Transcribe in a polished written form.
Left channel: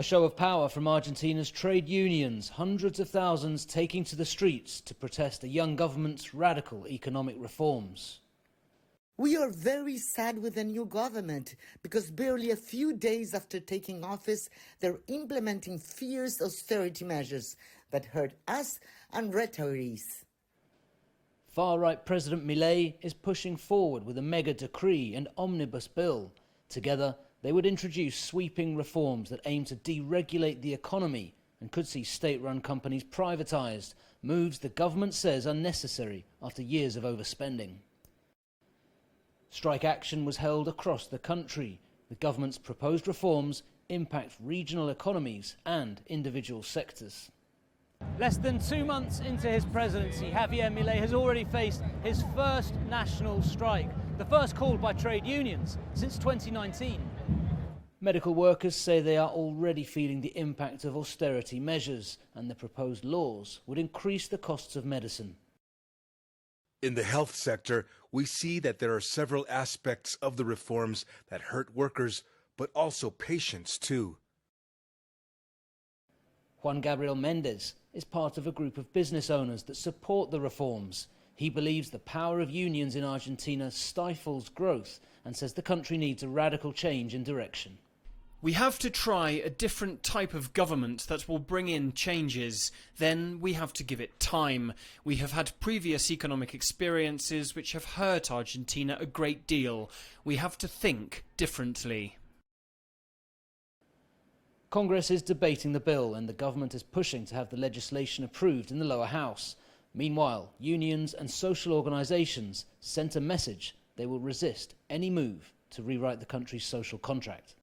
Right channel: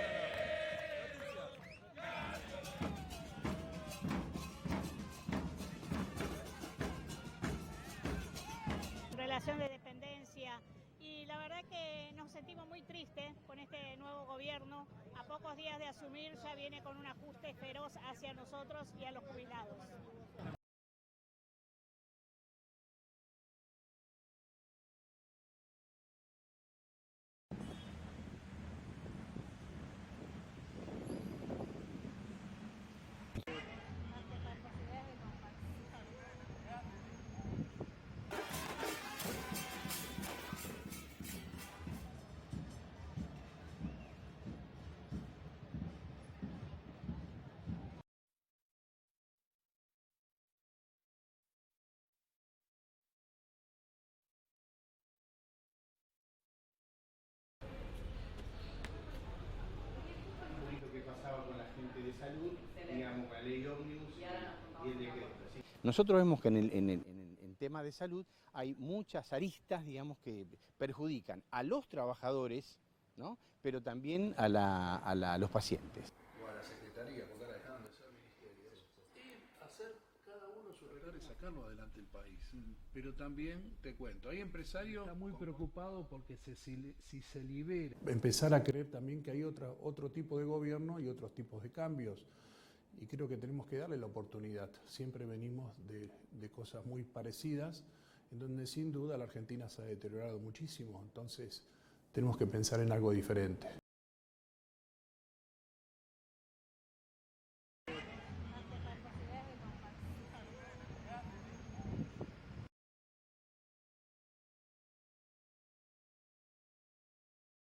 A show of power from Argentina's trade unions, hundreds of thousands taking to the streets to protest the young government's radical economic reforms. We are very sad with the new government because barely a few days after taking office, they're implementing fierce austerity measures that hurt us and retirees. Far-right President Milei is pushing forward with a mega decree and omnibus bill. Together, they would introduce sweeping reforms that aim to deregulate the economy and could see state-run companies privatised, moves the government says are necessary after years of overspending. Strike action was held across the country. The government's proposed reforms impact regional economies and individual sectors. Less than 2 months into his presidency, Javier Milei has already faced his first national strike, the first called by trade unions since 2019. Medical workers say they are already feeling the impact of austerity measures, and the proposed laws would increase the costs of medicine. In the health sector, we see that there are several aspects of the reforms that hurt workers, but also patients too. Juan Gabriel Mendez is part of a group of business owners that support the reforms. He believes the power of unions in Argentina stifles growth and says the country needs a radical change in direction. We have to try a different type of government that will bring in changes. Then we have to give it time. We have had previous economic experiences which have hurt Argentina a great deal. We have to think differently. Congress is debating the bill and the government is pushing to have the legislation approved in the lower house. Meanwhile, unions and social organisations sent a message they will resist any move to rewrite the country's social contract.